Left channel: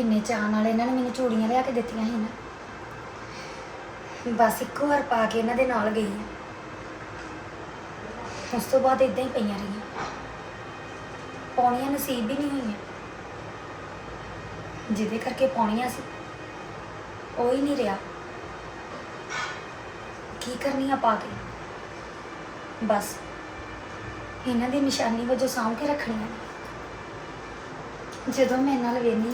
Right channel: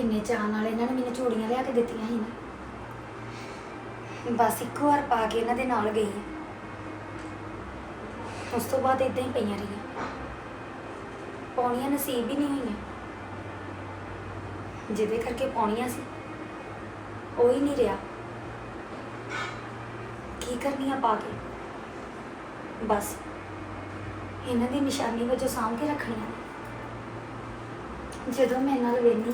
ਕਿੰਨੇ ਚਾਅ ਨਾਲ ਇਹਨਾਂ ਨੇ ਮੈਨੂੰ ਚੂੜੀਆਂ ਲਿਆ ਕੇ ਦਿੱਤੀਆਂ ਸੀ ਨਾ। ਬਸ ਇੱਕੋ ਵਾਰ ਪਾ ਕੇ ਇਹਨਾਂ ਦੇ ਨਾਲ ਗਈ ਉਸ ਤੋਂ ਬਾਅਦ ਇਦਾਂ ਹੀ ਪਈਆਂ ਰਹੀਆਂ। ਪਾਉਣੀਆਂ ਨਸੀਬ ਹੀ ਨਹੀਂ ਹੋਈਆਂ। ਜਿਹਦੇ ਕਰਕੇ ਪਾਉਣੀਆਂ ਸੀ। ਉਹ ਹੀ ਨਹੀਂ ਰਿਹਾ। ਕੀ ਕਰਨੀਆਂ ਪਾ ਕੇ? ਬਸ ਇਹਨਾਂ ਦੀ ਨਿਸ਼ਾਨੀ ਵਜੋਂ ਸਾਂਭ ਕੇ ਰੱਖਣੀ ਨੇ। ਜਦੋਂ ਮੈਂ ਇਹਨਾਂ ਨਾਲ ਵੇਖਦੀ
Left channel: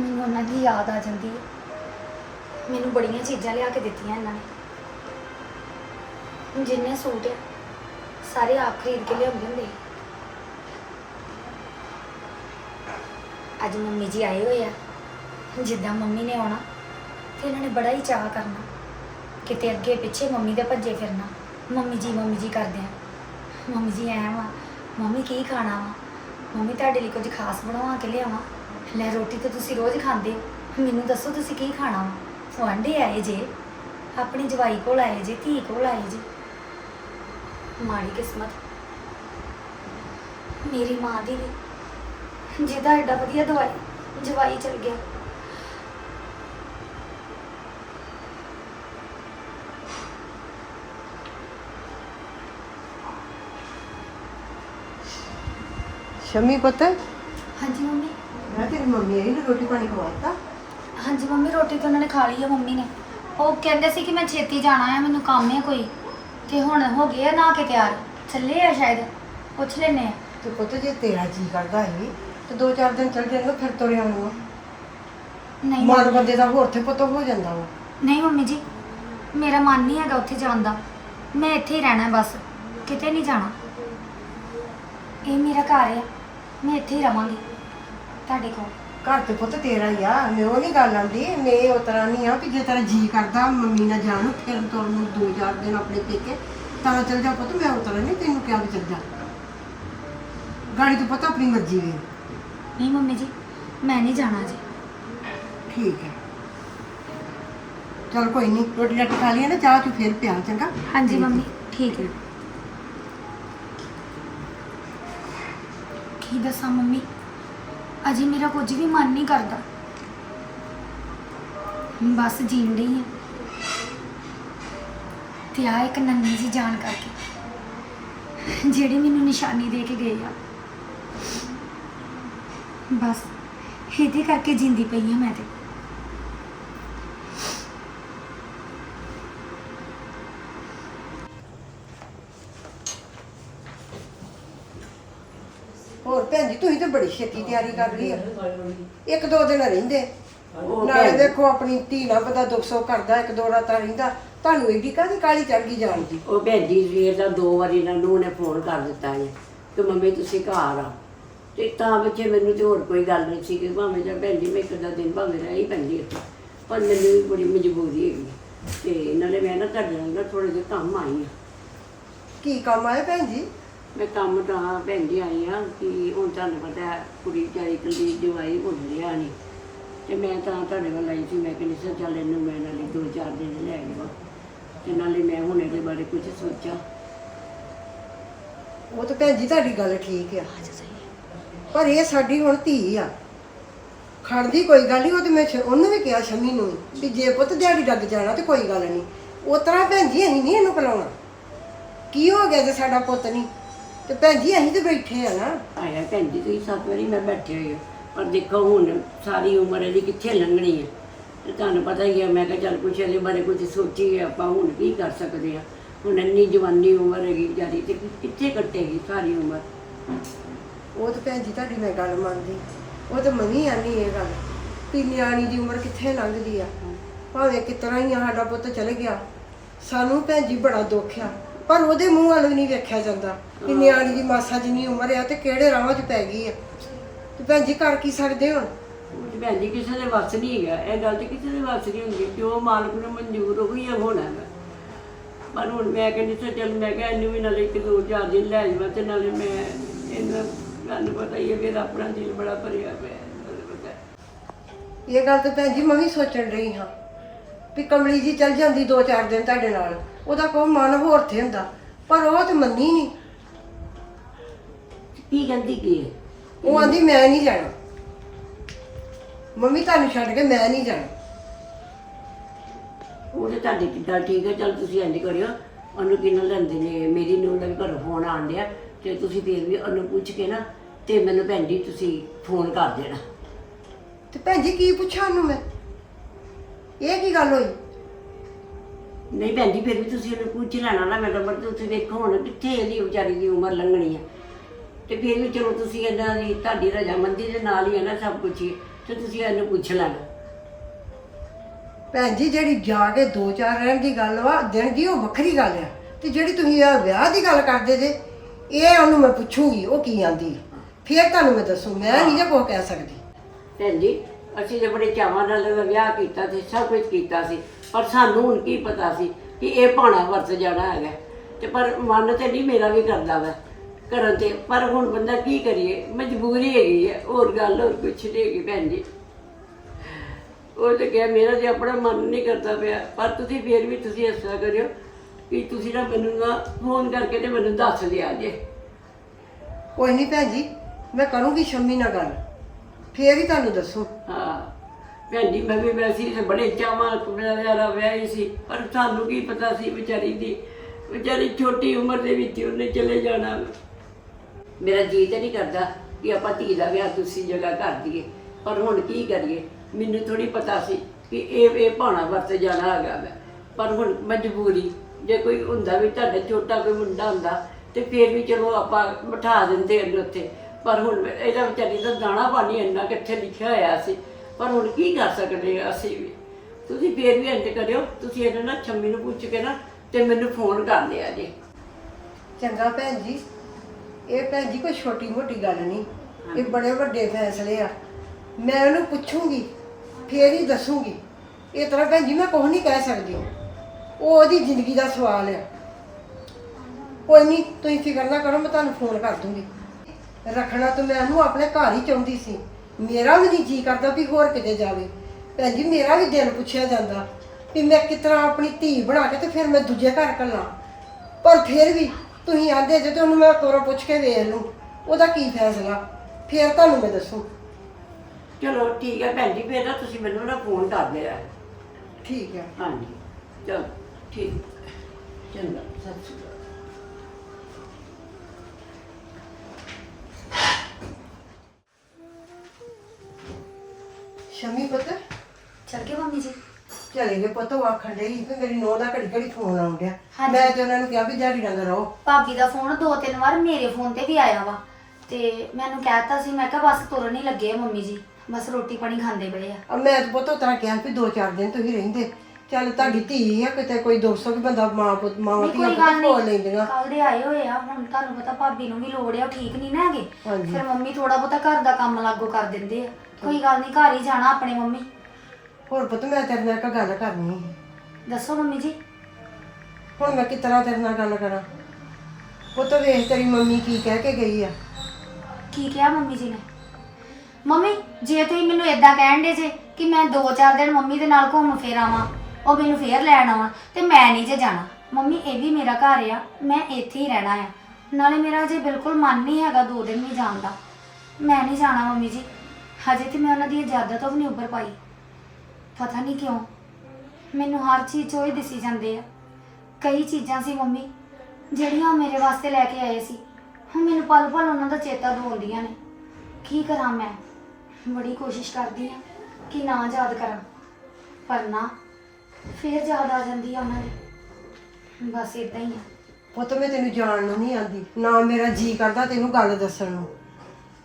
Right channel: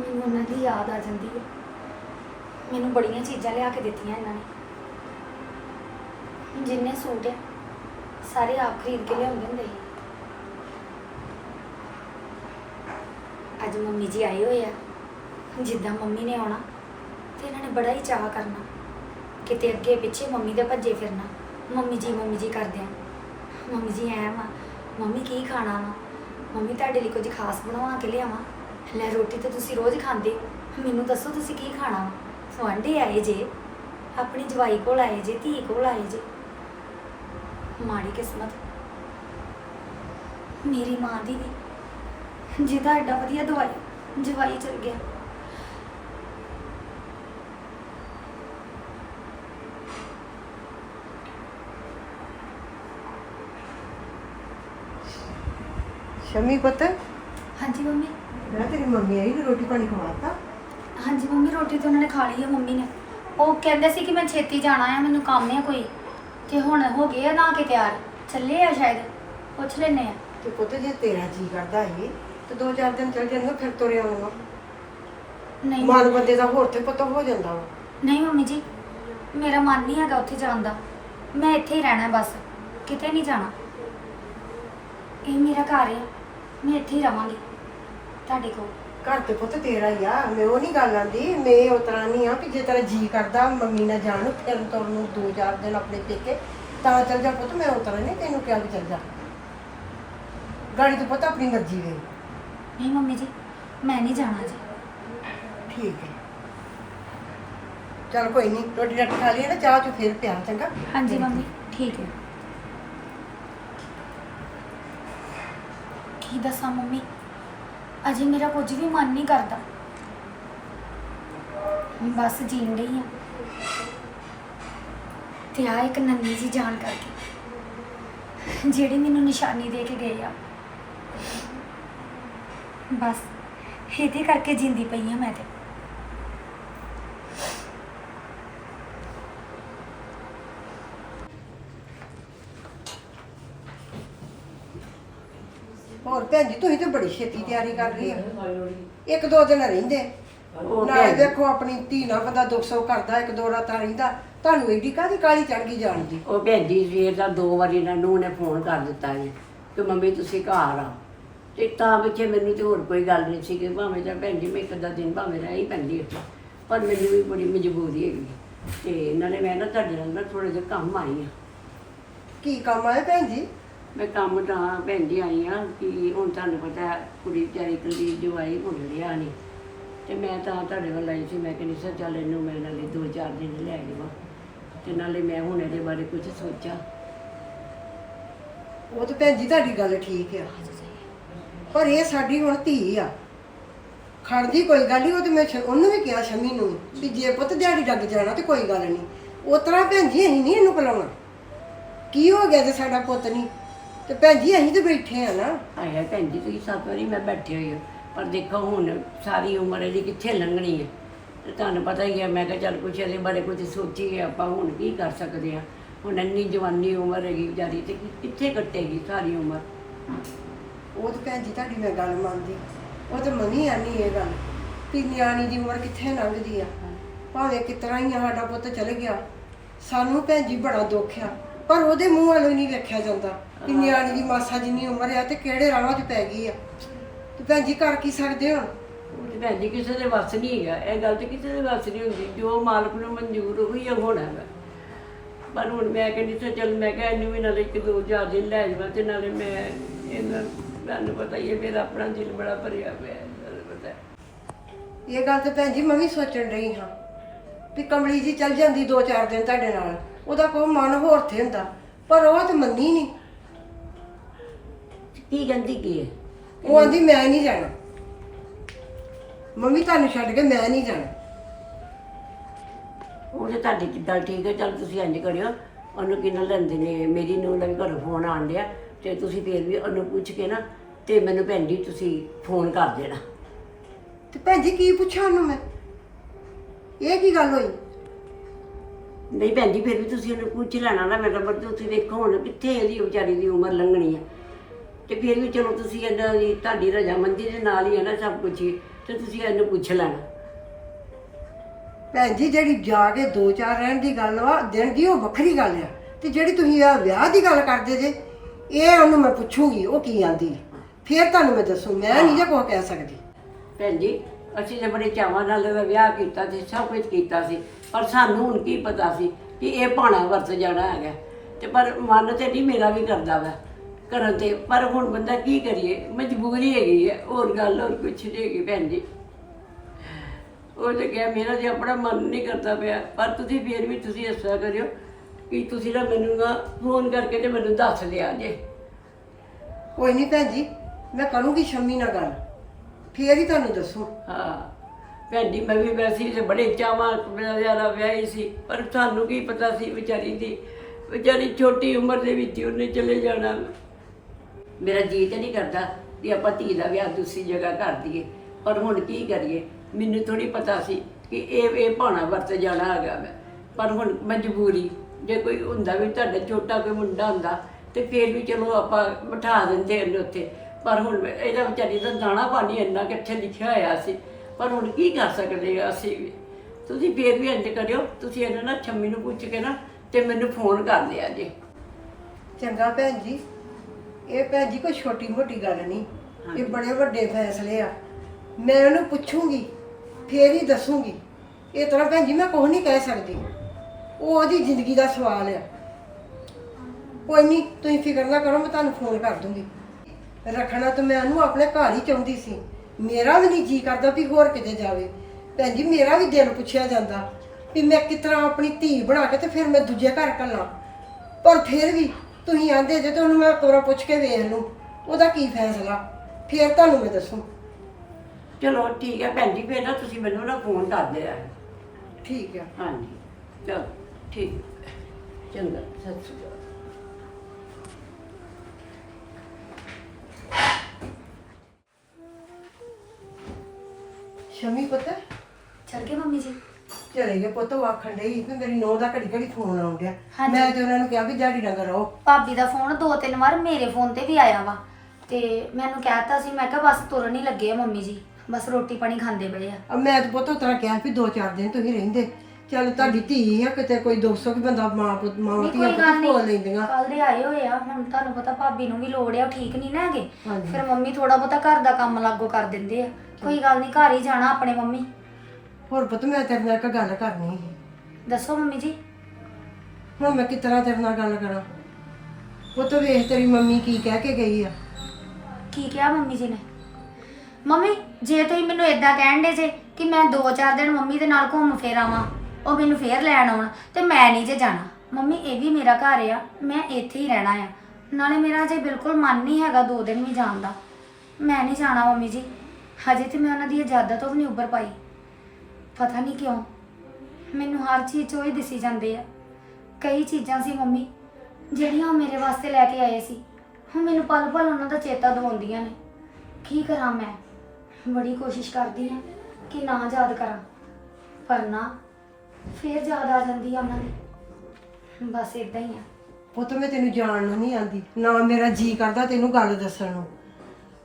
ਮੈਨੂੰ ਉਹਨਾਂ ਦੀ ਯਾਦ ਆ ਜਾਂਦੀ ਹੈ। ਮੈਨੂੰ ਬੜੀਆਂ ਚੀਜ਼ਾਂ ਲਿਆ ਕੇ ਦਿੱਤੀਆਂ ਇਹਨਾਂ ਨੇ। ਜਿੰਨੇ ਸੂਟ ਆ, ਸਾਰੇ ਆਪ ਖਰੀਦ ਕੇ ਲਿਆਉਂਦੇ ਹੁੰਦੇ ਸੀ। ਅੱਜ ਮੰਮੀ ਜੀ ਆਏ ਹੋਏ ਆ। ਜਿੱਦਾਂ ਮੰਮੀ ਨੇ ਆਉਣਾ, ਤੇ ਇਹਨਾਂ ਨੇ ਬੜਾ ਹੀ ਚਾਹ ਕਰਨਾ। ਕਿਤੇ ਅੱਗੇ ਪਿੱਛੇ ਮੰਮੀ ਦੇ ਭੱਜੇ ਫਿਰਨਾ। ਮੰਮੀ ਜੀ ਮੰਮੀ ਜੀ ਕਰਦੇ ਆ। ਮੰਮੀ ਜੀ ਐ ਵਾ, ਮੰਮੀ ਕੀ ਖਾਣਾ ਵਾ? ਮੰਮੀ ਤੁਹਾਡੇ ਲਈ ਕੁਝ ਖਾਸ ਬਣਵਾ ਕੇ ਲਿਆਵਾਂ? ਲੈ ਰੋਟੀ ਤਾਂ ਤੁਸੀਂ ਰੋਜ਼ ਖਾਂਦੇ। ਮੈਨੂੰ ਦੱਸੋ ਤੁਸੀਂ ਕੀ ਖਾਣਾ ਵਾ? ਫਵਾਂਡੇ ਆਏ ਜੇ ਆਪਣੀ ਜਵਾਈ ਕੋਲ ਆਏ ਜੇ ਧੀ ਕੋਲ ਆਏ ਜੇ। ਮਾੜੀ ਕਿਸਮਤ। ਮੇਰੀ ਮਾਂ ਦੀ ਵੀ ਜਿਹਦਾ ਐਡਾ ਵਧੀਆ ਦਵਾਈ ਜਵਾਈ ਚਲ ਗਿਆ। ਸ਼ਮੀ ਪੁੱਤ? ਹਾਂਜੀ ਮੰਮੀ। ਮੈਂ ਤੇਰੀ ਮੰਮੀ ਆਈ ਨੂੰ ਰੋਟੀ ਪਾਣੀ ਖਵਾਤਾ। ਹਾਂਜੀ ਮੰਮੀ ਰੋਟੀ ਤਾਂ ਉਹਨਾਂ ਨੇ ਖਾ ਲਈ ਹੈ ਮੰਮੀ ਨੇ। ਉਹ ਕਹਿੰਦੇ ਸੀ ਕਿ ਮੈਂ ਛੇਤੀ ਜਾਣਾ ਆ ਮੈਨੂੰ ਕੰਮ ਹੈ ਕੋਈ। ਤੇ ਹੁਣ ਹੋ ਗਏ ਆ ਨਾ ਕੇ ਤਿਆਰ। ਚੱਲੇ ਆ ਸ਼ਾਇਦ ਪੁੱਛ ਲੈਨੇ ਆ। ਤੇ ਪੁੱਤ ਜੇ ਤੇਰਾ ਜੀ ਕਰਦਾ ਈ ਤੇ ਦੋ ਚਾਰ ਦਿਨ ਚੱਲ ਜਾਂਦਾ ਫਿਰ ਤੁਰੇ ਆਉਣਾ ਨਹੀਂ। ਮਨ ਬੰਦੇ ਦਾ ਹੋਰ ਤੇ ਪੁੱਤ ਹੋ ਜਾਂਦਾ ਵਾ। ਨਹੀਂ ਮੰਮੀ ਜੀ ਮੇਰਾ ਮਨ ਨਹੀਂ ਹੈਗਾ ਉੱਥੇ ਜਾਣ ਦਾ। ਮੈਂ ਇੱਥੇ ਹੀ ਰਹਿਣਾ ਬਸ ਕਿਤੇ ਨਹੀਂ ਜਾਣਾ। ਇਹ ਮੇਰਾ ਘਰ ਆ ਮੈਂ ਇੱਥੇ ਹੀ ਰਵਾਂਗੀ। ਤੁਹਾਡੇ ਕੋਲ? ਘਰ ਤੇ ਪੁੱਤ ਤੇਰਾ ਹੀ ਆ ਮੈਂ ਉਹ ਨਹੀਂ ਗੱਲ ਆਂਦੀ ਮੈਂ ਇਹ ਉਤਰਾ ਨਹੀਂ ਆ ਕਿ ਜੇ ਤੇਰਾ ਜੀ ਕਰਦਾ ਮੰਮੀ ਨਾਲ ਜਾਣ ਨੂੰ ਫਿਰ ਤੁਰ ਨੂੰ ਦੋ ਚਾਰ ਦਿਨ ਆਪਣੇ ਪੇਕੇ ਤਾਂ ਚੱਲ ਜਾ ਪੁੱਤ ਮੈਂ ਉਤਰਾ ਨਹੀਂ ਤੈਨੂੰ ਕਿਹਾ ਵੀ ਚੱਲ ਜਾ। ਗਾੜੀ ਤੇ ਪੁੱਤ ਆਪਣੀ ਮਰਜ਼ੀ ਵੇ ਨਹੀਂ ਮੰਮੀ ਜੀ ਮੈਂ ਨਹੀਂ ਜਾਣਾ ਜੀ। ਠੀਕ ਹੈ। ਚੱਲ ਕੋਈ ਨਹੀਂ ਰੋਟੀ ਰੱਟੀ ਖਾ ਲਈ ਨਾ ਚਾਹ ਚੁ ਫਿਰ ਪਿਆ ਚੰਗਾ? ਹਾਂਜੀ ਮੰਮੀ ਠੀਕ ਹੈ। ਕੀ ਦੱਸਾਂ ਮੰਮੀ? ਅਜੇ ਮੇਰਾ ਕੁਝ ਵੀ ਮਨ ਨਹੀਂ ਕਰਦਾ। ਬਸ ਜੀਣ ਰਹੀ ਹਾਂ ਤੇ ਆ ਇੱਕ ਨੰਨੀ ਜੀ ਜਾਣ ਕਰਕੇ, ਜਿਹੜੀ ਮੈਨੂੰ ਨਿਸ਼ਾਨੀ ਦੇ ਕੇ ਗਏ ਆ। ਬਸ ਇਹਦੇ ਕਰਕੇ ਜਿੰਦੀ ਪਈ ਆ ਮੈਂ ਤੇ। ਹੋਰ ਭੈਣ ਜੀ ਤੁਸੀਂ ਤਾਂ ਬੜੀ ਛੇਤੀ ਤਿਆਰੀ ਕਰ ਲਈ ਆ। ਇੱਕ ਦੋ ਦਿਨ ਰਹਿੰਦੇ। ਉਹ ਨਾਲੇ ਭੈਣ- ਦੇਖੋ ਆਪਣੀ ਧੀ ਨਾਲ ਬੰਦਾ ਦੁੱਖ ਸੁੱਖ ਕਰਦਾ ਇੱਕ ਦੋ ਰਾਤਾਂ ਰਹਿੰਦਾ। ਤੁਹਾਨੂੰ ਏਡੀ ਕਾਹਦੀ ਕਾਲੀ ਚੜ ਗਈ ਜਾਣ ਦੀ? ਉਹ ਭੈਣ ਜੀ ਸਵੇਰ ਦਾ ਦੋ ਵਾਰੀ ਇਹਨਾਂ ਨੂੰ ਨੇ ਫੋਨ ਕਰ ਦਿੱਤਾ ਹੈ ਕਿ ਮੰਮੀ ਤੁਸੀਂ ਘਰ ਆਓ। ਤੇ ਤਾਂ ਵਿੱਚੇ ਮੈਨੂੰ ਤੇ ਹੋਰ ਕੋਈ ਗੱਲ ਨਹੀਂ ਸੀ ਕਿ ਭਾਵੇਂ ਜਾਂ ਭੈਣ ਜੀ ਮੈਂ ਇੱਕ ਅੱਧਾ ਦਿਨ ਭਾਵੇਂ ਰਹਿ ਹੀ ਪੈਂਦੀ ਇੱਥੇ। ਪਰ ਮੈਨੂੰ ਵੀ ਬੜੀ ਮਜਬੂਰੀ ਹੈਗੀ। ਤੇ ਨਾਲੇ ਮੈਂ ਨਾ ਤੁਹਾਡੇ ਨਾਲ ਨਾ ਥੋੜੇ ਜਿਹਾ ਕੰਮ ਆਈ ਆ ਕੀ ਕੰਮ ਆਏ ਭੈਣ ਜੀ? ਮੈਂ ਕੰਮ ਤਾਂ ਭੈਣ ਜੀ ਆਈ ਆ ਕਿ ਹੁਣ ਤੁਹਾਨੂੰ ਪਤਾ ਕੁੜੀ ਵਿਚਾਰੀ ਕੁਲਦੀਪ ਜਵਾਈ ਹੋ ਰਿਹਾ ਨਹੀਂ ਤੇ ਮੈਂ ਤਾਂ ਤੁਹਾਡੇ ਵੱਲ ਆਈ ਸੀ, ਮੈਂ ਕਹਿੰਦੀ ਸੀ, ਚੱਲ ਇਹਨੂੰ ਮੈਂ ਨਾਲੇ ਦੋ ਚਾਰ ਦਿਨ ਲੈ ਜਾਵਾਂ ਤੇ ਨਾਲੇ ਮੈਂ ਹੁਣ ਇਹਦੇ ਬਾਰੇ ਕੁਝ ਸੋਚਾਂ। ਉਹ ਤਾਂ ਭੈਣ ਜੀ ਤੁਹਾਡੀ ਗੱਲ ਠੀਕ ਆ। ਪਰ ਇਹ ਸਾਡੀ ਹੁਣ ਧੀ ਆ। ਖੜਦੀ ਕੋਈ ਗੱਲ ਨਹੀਂ ਉਹ ਤੇ ਮੈਂ ਸ਼- ਉਹਨੂੰ ਵੀ ਕਿਹਾ ਸ਼ਮੀ ਨੂੰ ਕਿ ਜੇ ਪੁੱਤ ਦਿਹਾੜੀ ਡੱਗ ਜਾਣਾ ਤੇ ਕੋਈ ਗੱਲ ਨਹੀਂ ਉਸ ਤਰ੍ਹਾਂ ਭੈਣ ਜੀ ਅਸੀਂ ਨਹੀਂ ਇਹਨੂੰ ਪਿਲਾਉਣਾ ਕੀ ਹੋ ਗਿਆ ਜੇ ਸਾਡਾ ਪੁੱਤ ਨਹੀਂ ਤੇ ਭੈਣ ਜੀ ਅਸੀਂ ਤੇ ਬੈਠੇ ਆ ਨਾ। ਆਇਆ ਭੈਣ ਜੀ ਤੁਸੀਂ ਸੱਤ ਵਾਰੀ ਮੈਂ ਬੈਠੇ ਹੋਈ ਹਾਂ। ਪਰ ਦੇਖੋ ਹੁਣ ਸਾਰੀ ਉਮਰ ਇਹਦੀ ਕਿੱਥੇ ਲੰਘਣੀ ਹੈ ਤੇ ਤੁਹਾਨੂੰ ਪਤਾ ਹੀ ਹੈ ਮੈਂ ਕਿਹਾ ਚੱਲ ਕੁਛ ਇਹਦੇ ਬਾਰੇ ਕੁਝ ਸੋਚੀਏ ਆਪਾਂ ਹੁਣ ਕੀ ਕਰ ਸਕਦੇ ਆ। ਹੁਣ ਇੰਨੀ ਜਵਾਨੀ ਉਮਰ ਹੈਗੀ ਵਿਚਾਰੀ ਤੇ ਕਿ- ਕਿੱਥੇ ਕੱਟੇਗੀ ਸਾਰੀ ਉਮਰ? ਉਹ ਤਾਂ ਭੈਣ ਜੀ ਤੁਹਾਡੀ ਮੈਂ ਗੱਲ ਮੰਨਦੀ। ਉਹ ਤਾਂ ਮੰਨੀ ਆਨੀ ਇਹ ਗੱਲ ਵੀ ਨਿਆਣੀ ਦੀ ਉਮਰ ਕਿੱਥੇ ਲੰਘਦੀ ਆ। ਭਾਵੇਂ ਕਿਤਨਾ ਹੀ ਆ ਸਾਡਾ ਪੁੱਤ ਚਲੇ ਗਿਆ। ਸਾਨੂੰ ਭੈਣ ਜੀ ਬੜਾ ਦੁੱਖ ਆ। ਪਰ ਉਹਦੇ ਮੂੰਹ ਵੱਲ ਵੀ ਨਹੀਂ ਵੇਖਿਆ ਜਾਂਦਾ ਕਿ ਨਿਆਣੀ ਦੀ ਮਾਸਾ ਜਿੰਨੀ ਉਮਰ ਆ ਤੇ ਕਿਹੜੇ ਰਾਹਾਂ 'ਚ ਪੈ ਗਈ ਆ। ਤੇ ਭੈਣ ਜੀ ਕਰ ਕੀ ਸਕਦੇ ਹੋ? ਉਹ ਤੇ ਭੈਣ ਜੀ ਕਿਸੇ ਦੇ ਵੱਸ ਨਹੀਂ ਹੈਗਾ। ਇਹ ਗੱਲ ਤੇ ਕਿਸੇ ਦੇ ਵੱਸ ਨਹੀਂ ਹੁੰਦੀ ਜੋ ਮਾਲਕ ਨੂੰ ਮਨਜ਼ੂਰ ਹੋਈ ਹੈ ਹੋਣਾ ਹੈਗਾ। ਪਰ ਹੁਣ ਮੈਂ ਕਹਿੰਦੀ ਸੀ ਚੱਲ ਮੈਂ ਕਿਹਾ ਇਹਨੂੰ ਵੀ ਨਾਲੇ ਇੱਕ ਦੋ ਚਾਰ ਦਿਨ ਲੈ ਜਾਵਾਂ ਤੇ ਨਾਲੇ ਮੈਂ ਇਹਨਾਂ ਤੁਹਾਨੂੰ ਪਤਾ ਹੀ ਹੈ ਮੇਰਾ ਆਪਣਾ ਦਿਲ ਬੜਾ ਭਰਿਆ ਪਿਆ ਹੈ, ਤੁਹਾਨੂੰ ਪਤਾ ਹੈ। ਇਹ ਗੱਲ ਤੇ ਭੈਣ ਜੀ ਮੈਂ ਵੀ ਸੋਚਣ ਰਹੀ ਹਾਂ ਵੀ ਕਮਲੀ ਜੀ ਚੱਲ ਜਾਂਦੀ ਦੋ ਚਾਰ ਦਿਨ ਤੁਹਾਡੇ ਨਾਲ। ਉਹਦਾ ਕੋਈ ਮਨ ਹੋਰ ਤੇ ਹੁੰਦਾ ਪਰ ਉਹ ਤੇ ਮੰਨੀ ਨਹੀਂ। ਕੀ ਕਹਿੰਦੀ ਕੀ ਹੈ? ਉਹ ਆਂਦੀ ਮੈਂ ਨਹੀਂ ਜਾਣਾ। ਮੰਮੀ ਤੁਹਾਨੂੰ ਛੱਡ ਕੇ ਮੈਂ ਨਹੀਂ ਜਾਣਾ। ਉਹ ਤੇ ਤੁਹਾਡੀ ਗੱਲ ਠੀਕ ਹੈ ਚਲ ਤੁਸੀਂ ਇੰਜ ਕਰਿਓ। ਉਹਨੂੰ ਕਿੰਨਾ ਲੈਂਦੇ ਨੇ ਮੇਰੀ ਨੂੰਹ ਦਾ ਵੀ ਘਰੋਂ ਫੋਨ ਆਣ ਡਿਆ ਤੇ ਤੁਸੀਂ ਫੇਰ ਵੀ ਉਹਨੂੰ ਪੁੱਛ ਕੇ ਨਾ ਤੇ ਮੈਨੂੰ ਭੈਣ ਜੀ ਤੁਸੀਂ ਫੋਨ ਕਰ ਦੇਣਾ। ਤੇ ਭੈਣ ਜੀ ਕੀ ਪੁੱਛਾਂ ਉਹਨੂੰ ਮੈਂ? ਇਹ ਕੀ ਗੱਲ ਹੋਈ? ਨਹੀਂ ਭੈਣ ਜੀ ਫਿਰ ਵੀ ਤੁਸੀਂ ਉਹਨੂੰ ਪੁੱਛ ਲੈਣਾ ਨਾ ਮੇਰਾ ਮਤਲਬ ਤੁਸੀਂ ਵੇਖੋ ਹੁਣ ਕਿੱਥੇ ਇਹਦੀ ਵਿਚਾਰੀ ਦੀ ਉਮਰ ਲੰਘਣੀ ਹੈ ਤੇ ਫਿਰ ਵੀ ਚਲੋ ਤੁਸੀਂ ਇਹਨਾਂ ਦੀ ਤੁਹਾਡੀ ਰਜਾਮੰਦੀ ਦੇ ਨਾਲ ਹੀ ਹੈ ਨਾ ਸਭ ਕੁਝ ਤੇ ਤੁਸੀਂ ਇਹਨੂੰ ਪੁੱਛ ਲੈਣਾ। ਭੈਣ ਜੀ ਜਿਹੜੀ ਜਾ ਕੇ ਦੋ ਚਾਰ ਰਹਿਣ ਦੀ ਗੱਲ ਵਾ ਦਿਨ ਦੀ ਉਹ ਵੱਖਰੀ ਗੱਲ ਆ। ਤੇ ਜਿਹੜੀ ਤੁਸੀਂ ਆ ਵਿਆਹ ਦੀ ਗੱਲ ਕਰਦੇ ਜੇ ਇਹ ਉਹਨੂੰ ਮੈਂ ਪੁੱਛੂਗੀ ਉਹ ਕੀ ਆਂਦੀ ਫਿਰ ਤੁਹਾਨੂੰ ਮੈਂ ਦੱਸੂ ਮੈਂ ਨਹੀਂ ਜੇ ਕੁਛ ਕਹਿ ਸਕਦੀ। ਭੈਣ ਜੀ ਅਸੀਂ ਤੇ ਬੜੇ ਚਾਵਾਂ ਨਾਲ ਵਿਆਹ ਕੀਤਾ ਸੀ ਸਭ ਕੁਝ ਕੀਤਾ ਸੀ। ਪਰ ਸਾਨੂੰ ਹੁਣ ਕੀ ਪਤਾ ਸੀ ਕਿ ਇਹ ਭਾਣਾ ਵਰਤ ਜਾਣਾ ਹੈਗਾ। ਤੇ ਪਰ ਮਨ ਤੇ ਨਹੀਂ ਮੇਰਾ ਵੀ ਕਰਦਾ ਵਾ ਕਰਨ ਤੇ। ਪਰ ਹੁਣ ਬੰਦਾ ਕੀ ਕਰੀਏ? ਮਜਬੂਰੀ ਹੈਗੀ ਹੈ ਹੋਰ ਗੱਲ ਹੋਰ ਕੁਛ ਨਹੀਂ ਹੈਗੀ ਭੈਣ ਜੀ। ਉਹ ਤੇ ਕਿਹਾ ਮੇਰਾ ਤੇ ਆਪਣਾ ਮਨ ਨਹੀਂ ਕਰਦਾ ਪਿਆ। ਪਰ ਤੁਸੀਂ ਫੇਰ ਵੀ ਤੁਸੀਂ ਇਸ ਤਰ੍ਹਾਂ ਕਰਿਓ ਕਿ ਤੁਸੀਂ ਨਾ ਮੈਨੂੰ ਨਾ ਫੋਨ ਕਰਕੇ ਤੇ ਮੈਨੂੰ ਦੱਸ ਦਿਆ ਜੇ। ਕੋਈ ਨਹੀਂ ਭੈਣ ਜੀ ਮੈਂ ਕਰੂੰਗੀ ਸ਼ੰਮੀ ਨਾਲ ਗੱਲ। ਫੇਰ ਹੀ ਤੁਹਾਨੂੰ ਦੱਸੂ। ਹਾਂ। ਭੈਣ ਜੀ, ਮੈਂ ਵੀ ਵੈਸੀ ਤੇ ਬੜੇ ਚਾਵਾਂ ਵਿਆਹ ਵਿਆਹੀ ਸੀ, ਪਰ ਸਾਨੂੰ ਕੀ ਪਤਾ ਸੀ ਵਿਚਾਰੀ ਦੀ, ਵਿਚਾਰੀ ਛੋਟੀ ਉਮਰ ਦੇ ਵਿੱਚ ਹੀ ਉਹਨੇ ਚਲੇ ਜਾਣਾ। ਮੇਰਾ ਜੀ ਤੇ ਨਹੀਂ ਕਰਦਾ ਕਿ ਆਪਾਂ ਧੀ ਦਾ ਵਿਆਹ ਦੂਸਰੀ ਜਗ੍ਹਾ ਕਰ ਦਈਏ, ਪਰ ਹੁਣ ਕੀ ਕਰੀਏ? ਮੈਨੂੰ ਥੋੜੀ ਪਤਾ ਸੀ ਕਿ ਇਹ ਇਹ ਭਾਣਾ ਵਰਤ ਜਾਣਾ ਹੈਗਾ ਮੈਂ, ਪਰ ਹੁਣ ਮਜਬੂਰੀ, ਜੇ ਕੋਈ ਹੁੰਦਾ ਵੀ ਤੁਹਾਡੇ ਛੋਟਾ ਕੋਈ ਮੁੰਡਾ ਹੁੰਦਾ, ਤੇ ਫੇਰ ਵੀ ਚਲੋ ਆਪਾਂ ਬਿਠਾ ਦਿੰਦੇ ਇਹਨੂੰ ਉੱਥੇ, ਪਰ ਹੁਣ ਇਹਦਾ ਵਿਚਾਰੀ ਦਾ ਦਾਣਾ ਪਾਣੀ ਇੰਨਾ ਕਿੱਥੇ ਲਿਖਿਆ ਹੋਇਆ ਸੀ ਪਰ ਹੁਣ ਕੀ ਕਰ ਸਕਦੇ ਹਾਂ ਅਸੀਂ ਵੀ? ਤੁਸੀਂ ਫੇਰ ਵੀ ਇੰਜ ਕਰਿਓ ਤੁਸੀਂ ਇਹਨਾਂ ਨਾਲ ਛੰਮੀ ਨੂੰ ਪੁੱਛ ਕੇ ਨਾ ਤੇ ਮੈਨੂੰ ਫੋਨ ਕਰ ਲਿਆ ਜੇ। ਚੰਗਾ ਭੈਣ ਜੀ ਇਹ ਭੈਣ ਜੀ ਕੋਈ ਛੋਟੀ ਮੋਟੀ ਗੱਲ ਨਹੀਂ। ਇਹ ਬੜੇ ਵੱਡੇ ਫੈਸਲੇ ਆ। ਮੈਂ ਉਹਨੂੰ ਪੁੱਛੂੰਗੀ ਫੇਰ ਹੀ ਦੱਸੂੰਗੀ। ਇਹ ਤਰ੍ਹਾਂ ਭੈਣ ਜੀ ਮੈਂ ਕੁਝ ਨਹੀਂ ਕਹਿ ਸਕਦੀ। ਉਹ ਉਹਦੀ ਜ਼ਿੰਦਗੀ ਦਾ ਸਵਾਲ ਆ। ਕੋਈ ਨਹੀਂ ਤੁਸੀਂ ਫਿਕਰ ਨਾ ਕਰੋ ਮੈਂ ਤੁਹਾਨੂੰ ਫੋਨ ਕਰ ਦੂੰਗੀ। ਰੱਖਣਾ ਤਾਂ ਮੈਂ ਉਹਨੂੰ ਆਪਣੇ ਘਰ ਹੀ ਚਾਹੁੰਦੀ ਸੀ। ਮੇਰਾ ਵੀ ਨਹੀਂ ਜੀ ਕਰਦਾ ਵੀ ਹੋਰ ਕਿਤੇ ਜਾਵੇ। ਭੈਣ ਜੀ ਮੇਰਾ ਵੀ ਦਿਲ ਪੁੱਛਿਆ ਜਾਂਦਾ ਵੀ ਮੈਂ ਤਰ੍ਹਾਂ ਆਪਣੀ ਧੀ ਬਣਾ ਕੇ ਤੇ ਫਿਰ ਮੈਂ ਦੂਜੇ ਘਰ ਘੱਲਾਂ। ਪਰ ਫਿਰ ਵੀ ਤੁਸੀਂ ਆਂਦੇ ਜੇ ਤੇ ਉਹਨੂੰ ਮੈਂ ਤੋਰਾ ਪੁੱਛ ਕੇ ਵੇਖ ਲੂੰ। ਉਹਦਾ ਕੀ ਫੈਸਲਾ? ਫਿਰ ਤੁਹਾਨੂੰ ਮੈਂ ਦੱਸੂ। ਚਲੋ ਠੀਕ ਹੈ ਭੈਣ ਜੀ ਫੇਰ ਨਾ ਤੁਸੀਂ ਮੈਨੂੰ ਨਾ ਫੋਨ ਕਰ ਦਿਆ। ਠੀਕ ਹੈ। ਹਾਂਜੀ। ਚਲੋ ਠੀਕ। ਚੰਗਾ ਸਤਿ ਸ਼੍ਰੀ ਅਕਾਲ। ਚਲੇ ਗਏ ਪੁੱਤ ਉਹ ਆਖਣ ਡਈ ਵੀ ਮੇਰੀ ਨੋਹ ਦਾ ਘੜੀ ਘੜੀ ਫੋਨ ਆਉਣ ਡਿਆ। ਹਾਂਜੀ। ਮੈਂ ਤੇ ਉਹਨਾਂ ਨੂੰ ਕਿਹਾ ਵੀ ਜਾੜੀ ਡੰਗਰ ਰਹੋ ਭਾਬੀ ਦਾ ਫੋਨ ਦੋ ਤਿੰਨ ਵਾਰ ਮੇਰੇ ਫੋਨ ਤੇ ਵੀ ਆਇਆ ਵਾ। ਤੇ ਮੈਨੂੰ ਕਹਿਤਾ ਸੀ ਮੈਂ ਕਿਹਾ ਬਸ ਤੁਰਨ ਹੀ ਲੱਗੇ ਆ ਮੰਮੀ ਜੀ ਬਸ ਰੋਟੀ ਪਾਣੀ ਖਾਂਦੇ ਪਏ ਆ। ਅਬ ਮੈਂ ਤਾਂ ਪੁੱਤ ਉਤਰਾ ਕਿਹਾ ਵੀ ਦੋ ਚਾਰ ਦਿਨ ਤੁਸੀਂ ਰਹਿੰਦੇ। ਚੱਲ ਤੁਹਾਡੀ ਧੀ ਆ ਕਿਤੇ ਕੋਈ 200 ਵੀ ਬੰਦਾ ਮਾਂ ਪੁੱਤ ਮਾਂ ਨਹੀਂ ਕੋਈ ਪੁੱਤ ਗੱਲ ਖੋਲ ਨਹੀਂ ਲੈਂਦੀਆਂ। ਕੱਲ ਦੇ ਆਏ ਹੋਏ ਆ ਹੁਣ ਤੁਹਾਨੂੰ ਪਤਾ ਭਾਬੀ ਨੂੰ ਵੀ ਲੋੜ ਆ ਉਹ ਠੀਕ ਨਹੀਂ ਨਾ ਹੈਗੇ। ਹਾਂਜੀ। ਫਿਰ ਮੰਮੀ ਥੋੜਾ ਬਹੁਤਾ ਘਰ ਦਾ ਕੰਮ ਲਾਗੋ ਕਰ ਦਿੰਦੇ ਆ। ਕੋਈ ਗੱਲ ਨਹੀਂ ਘਰ ਹੀ ਜਾਣਾ ਆਪਣੇ ਮੰਮੀ। ਹੋਰ ਪੁੱਤ ਮੈਂ ਤੇਰੇ ਨਾਲ ਇੱਕ ਗੱਲ ਕਰਨੀ ਸੀ। ਦੱਸੋ ਮੰਮੀ ਜੀ। ਹੁਣ ਮੈਂ ਕਿਸ ਤਰ੍ਹਾਂ ਤੇਰੇ ਨਾਲ ਗੱਲ ਕਰਾਂ? ਪੁੱਤ ਵੇਖ ਤੇਰੀ ਮੰਮੀ ਕੀ ਕਹਿ ਕੇ ਗਈ ਆ। ਕੀ ਕਿਹਾ ਮੰਮੀ ਜੀ ਨੇ? ਮੰਮੀ ਜੇ ਤੁਸੀਂ ਮੈਨੂੰ ਇਦਾਂ ਕਹਿਣ ਦੇ ਜੇ ਕਿ ਮੈਂ 2-4 ਦਿਨ ਮੰਮੀ ਦੇ ਨਾਲ ਘੁੰਮ ਫਿਰ ਆਵਾਂ ਉਹ ਮੈਨੂੰ ਫੇਰ ਲੈਣ ਆਉਣ ਤੇ ਮੈਂ ਨਹੀਂ ਜੇ ਜਾਣਾ। ਮੰਮੀ ਇਹ ਵੀ ਮੇਰਾ ਘਰ ਆ ਮੈਂ ਇੱਥੇ ਹੀ ਰਹਿਣਾ ਆ। ਨਾਲੇ ਮੇਰਾ ਜੇ ਬਿਲਕੁਲ ਮਨ ਨਹੀਂ ਹੈਗਾ ਦੋ ਦਿਨ ਵੀ ਜਾਣ ਦਾ। ਮੈਂ ਨਹੀਂ ਜਾਣਾ ਮੰਮੀ ਜੀ। ਹਜੇ ਤੇ ਮੈਂ ਉਹਨਾਂ ਦੀ ਇਜਾਜ਼ਤ ਤੋਂ ਵੀ ਨਹੀਂ ਉੱਪਰ ਪਾਈ। ਪਤਾ ਨਹੀਂ ਕਿਉਂ ਮੈਨੂੰ ਹਰ ਚੀਜ਼ 'ਚ ਉਹ ਹੀ ਦਿਸੀ ਜਾਂਦੇ ਆ। ਕਈ ਚੀਜ਼ਾਂ ਸੀ ਮੰਮੀ, ਜਿਹੜੀਆਂ ਉਹ ਮੇਰੇ ਵਾਸਤੇ ਲੈ ਕੇ ਆਏ ਸੀ। ਹੁਣ ਮੈਨੂੰ ਪਲ ਪਲ ਉਹਨਾਂ ਦਾ ਚੇਤਾ ਦਵਾਉਂਦੀਆਂ ਨੇ। ਕੀ ਕਰਾਂ ਮੈਂ? ਬੜੀ ਕੋਸ਼ਿਸ਼ ਕਰਦੀ ਹਾਂ ਕਿ ਨਾ ਯਾਦ ਕਰਾਂ। ਪਰ ਨਾ, ਫੇਰ ਯਾਦ ਆ ਜਾਂਦੀ ਆ ਉਹਨਾਂ ਦੀ। ਬਸ ਇਦਾਂ ਹੀ ਆ। ਪੁੱਤ, ਮੈਂ ਤੈਨੂੰ ਜਾਣ ਨੂੰ ਨਹੀਂ ਆਂਦੀ। ਨਾ ਮੇਰਾ ਜੀ ਕਰਦਾ ਤੈਨੂੰ ਗੱਲ ਦੱਸਣ ਨੂੰ।